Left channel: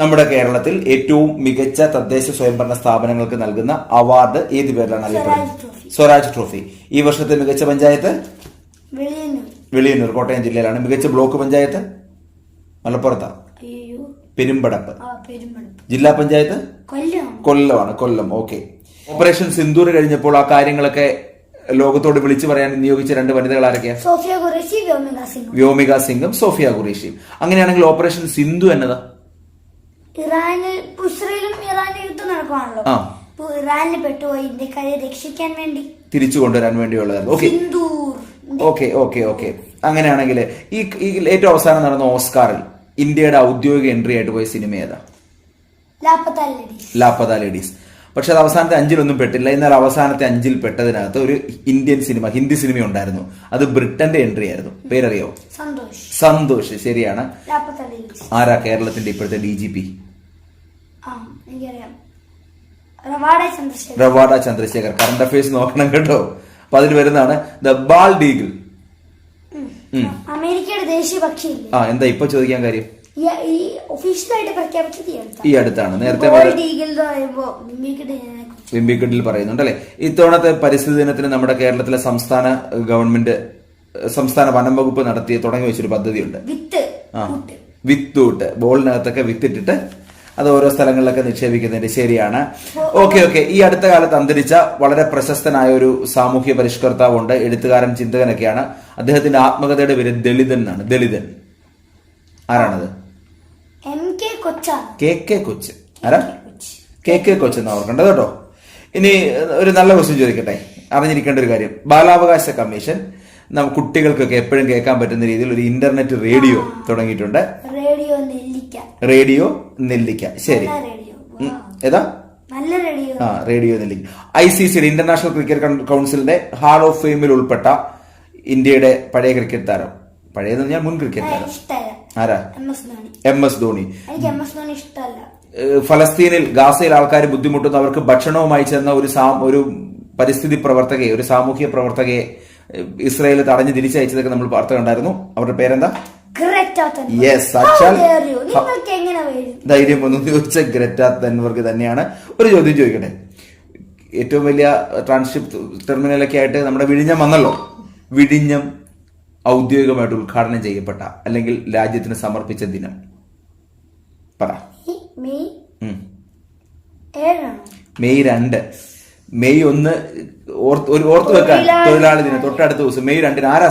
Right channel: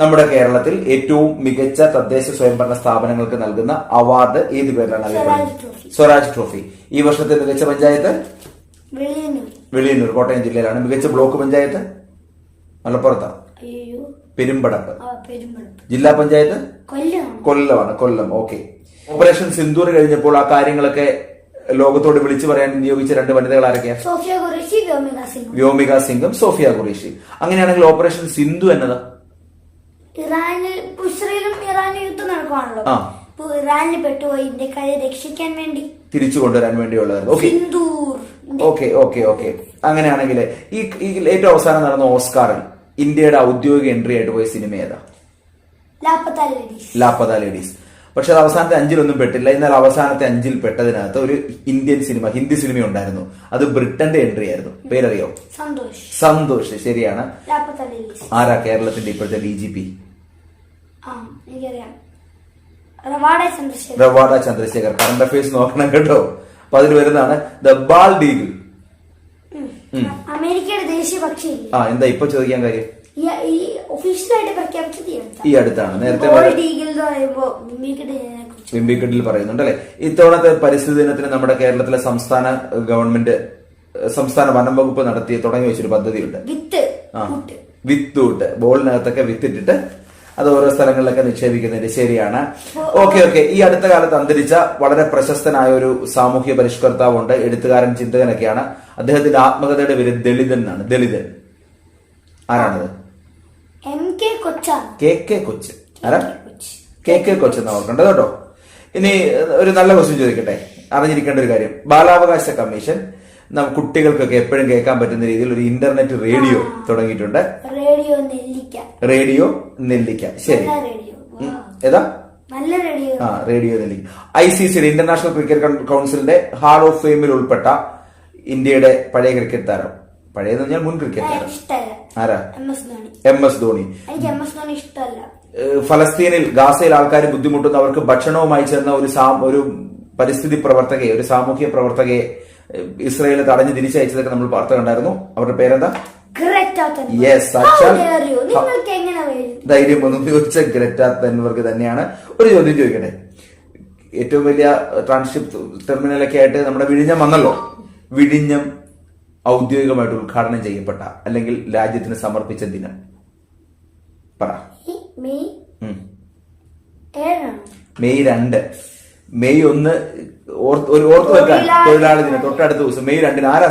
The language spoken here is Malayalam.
നമ്മുടെ കേരളത്തിൽ ഏറ്റവും മികച്ച തദ്ദേശ സ്വയംഭരണ സ്ഥാപനങ്ങൾക്ക് നൽകുന്ന അവാർഡ് ഏത് പേരിലാണ് സ്വരാജ് ട്രോഫി. സ്വരാജ് ട്രോഫി. ഈ വർഷത്തെ മികച്ച പഞ്ചായത്ത്? വെളിയന്നൂർ. കോട്ടയം ജില്ലയിലാണ്. മികച്ച ബ്ലോക്ക് പഞ്ചായത്ത്? മലപ്പുറത്താണ് പെരുമ്പടപ്പ്. ജില്ലാ പഞ്ചായത്ത്? കൊല്ലമാണ് കൊല്ലമാണ് കൊല്ലം. ഓക്കെ. ഓപ്പറേഷൻ സിന്ദൂർ കഴിഞ്ഞപ്പോൾ ആ കാര്യങ്ങളൊക്കെ ലോകത്തോട് വിളിച്ചു പറയാൻ നിയോഗിച്ച രണ്ട് വനിതകൾ ആരൊക്കെയാണ് വ്യോമിക സിംഗ് സോഫിയ ഖുറേഷി. അങ്ങനെയാണെങ്കിൽ ഓപ്പറേഷൻ സിന്ധു എന്നതാ? ഇറാനിൽ ഇസ്രയേലും ഇറാനും യുദ്ധം നടക്കുവാണല്ലോ. ആ. ഇപ്പൊ ഇറാനിൽ പെട്ടുപോയി ഇന്ത്യക്കാരെ രക്ഷിക്കാൻ വേണ്ടി. തിരിച്ചു കൊണ്ടുവരാൻ വേണ്ടിയുള്ളതായിരുന്നു. Okay. Sindoor. Okay okay okay. അങ്ങനെയാണെങ്കിൽ ഈ ഈ ഏറ്റവും അവസാനം നടന്ന ഓസ്കാറിൽ ഇന്ത്യയുടെ ഔദ്യോഗിക എൻട്രി ആയിട്ട് പോയ സിനിമ ഏതാ? ലാപ്പത്ത ലേഡീസ്. ലാപ്പത ലേഡീസ്. പക്ഷെ അത് അവസാനത്തെ അഞ്ചിലൊന്നും പെട്ടില്ല. എന്നാൽ അവസാനത്തെ അഞ്ചിൽ പെട്ടതിനകത്ത് ഒരു ഇന്ത്യൻ സിനിമ ഹിന്ദി സിനിമ ഉണ്ടായിരുന്നു. അത് ബ്രിട്ടന്റെ എൻട്രി ആയിരുന്നു. പേരറിയോ? സന്തോഷ്. സന്തോഷ്. ശരിയാണ്. ലാപ്പത്ത ലേഡീസ്. ആരാ കേരളത്തിന്റെ ഇപ്പോഴത്തെ D G P Ravada Chandrasekhar. Current affairs നോക്കണം കേട്ടോ. അപ്പൊ അതിൽ വരുന്നതാണ് ദ ബാൽ ഡീഗിൾ അമേരിക്കയുടെ ദേശീയ പക്ഷി ആ എന്താ ഇപ്പൊ ചോദിക്കാൻ കാര്യം? ഒഫീഷ്യലായിട്ട് പ്രഖ്യാപിച്ചത് ഈ അടുത്താണ്. നേരത്തെ ഈഗിൾ വിംബിക്കട്ടിൽ പറയുന്നുണ്ട് അല്ലെ ഇത്തവണത്തെ പരിസ്ഥിതി ദിനത്തിന് നമ്മുടെ കേരളത്തിലെ സംസ്ഥാന ഗവൺമെന്റ് സംസ്ഥാന വനം വകുപ്പ് നടത്തി തുടങ്ങി വെച്ചൊരു പദ്ധതിയുണ്ട്. വിത്ത് വിത്തൂട്ട് ബോളിനകത്തൊക്കെ വിത്തിട്ടിട്ട് അത് ഓരോ സ്ഥലങ്ങളിലൊക്കെ നിക്ഷേപിക്കുന്നുണ്ട് ശരിയാണ്. Okay okay. ഈ അടുത്ത കാലത്ത് അന്തരിച്ച വളരെ പ്രശസ്തനായ ഒരു സാമൂഹ്യ പരിഷ്കർത്താവുണ്ട് എഴുത്തുകാരൻ ചിന്തകനൊക്കെയാണ്. അദ്ദേഹത്തിന്റെ ആത്മകഥയുടെ പേര് ദളിതൻ എന്നാണ്. ദളിതൻ. ആരാണത്? കെ കെ കൊച്ച്. ആരാ? കെ കെ കൊച്ച് എന്നാ ഓർക്കേണ്ടത് കേട്ടോ. ഇനി ഒരു നല്ല ക്വസ്റ്റ്യൻ ചോദിക്കട്ടെ. അറിഞ്ഞിരിക്കേണ്ട ഒരു കാര്യം. ബാലാവകാശ കമ്മീഷൻ കുട്ടികൾക്കൊക്കെ എപ്പോഴും കേൾക്കാൻ പറ്റുന്ന രീതിയിൽ ഒരു ഇന്റർനെറ്റ് റേഡിയോ തുടങ്ങിയിട്ടുണ്ട്. റേഡിയോ നെല്ലിക്ക. റേഡിയോ നെല്ലിക്ക. ശരി. ഏതാ? നല്ല റേഡിയോ ആ റേഡിയോ നെല്ലിക്ക. ഐ സി സിയുടെ ഇന്റർനാഷണൽ ക്രിക്കറ്റ് കൗൺ- കൗൺസിലിന്റെ ഹാൾ ഓഫ് ഫെയിമിൽ ഉൾപ്പെട്ട ഇന്ത്യയുടെ പഴയ ക്രിക്കറ്റ് താരം. പഴയതെന്ന് പറഞ്ഞാൽ മുൻ ക്രിക്കറ്റ് താരം. ആരാ? M S Dhoni. ഫലസ്തീനിൽ ഗാസയിൽ ആൾക്കാർ ബുദ്ധിമുട്ടുന്നു. അവർക്ക് ഭക്ഷണവുമായി ചെന്ന ഒരു ഒരു പരിസ്ഥിതി പ്രവർത്തകയെ ഒരു സാമൂഹ്യ പ്രവർത്തകയെ ഇസ്രായേൽ തടഞ്ഞ് തിരിച്ചയച്ചതൊക്കെ നമ്മൾ വാർത്ത കണ്ടായിരുന്നു. അവരുടെ പേരെന്താ? ധൈര്യം ഒന്നും ചോദിച്ച ഗ്രറ്റ തന്നവർക്ക് തന്നെയാണ്. ഒരു ചോദ്യം ചോദിക്കട്ടെ? ഏറ്റവും വലിയ ട്രാൻസ്ഷിപ്പ് ടെർമിനലൊക്കെ ആയിട്ട് നമ്മുടെ വിഴിഞ്ഞം വന്നല്ലോ. വിഴിഞ്ഞം ഔദ്യോഗികമായിട്ട് ഉദ്ഘാടനം ചെയ്യപ്പെട്ട അല്ലെങ്കിൽ രാജ്യത്തിന് സമർപ്പിച്ച ദിനം. പറ. മെയ് രണ്ട്. മെയ് ഒന്ന് ഓർത്ത് ഒരു ഓർത്ത് വെക്കാൻ തൊഴിലാളി ദിനം തൊട്ടടുത്ത ദിവസം മെയ് രണ്ടിന് ആരാ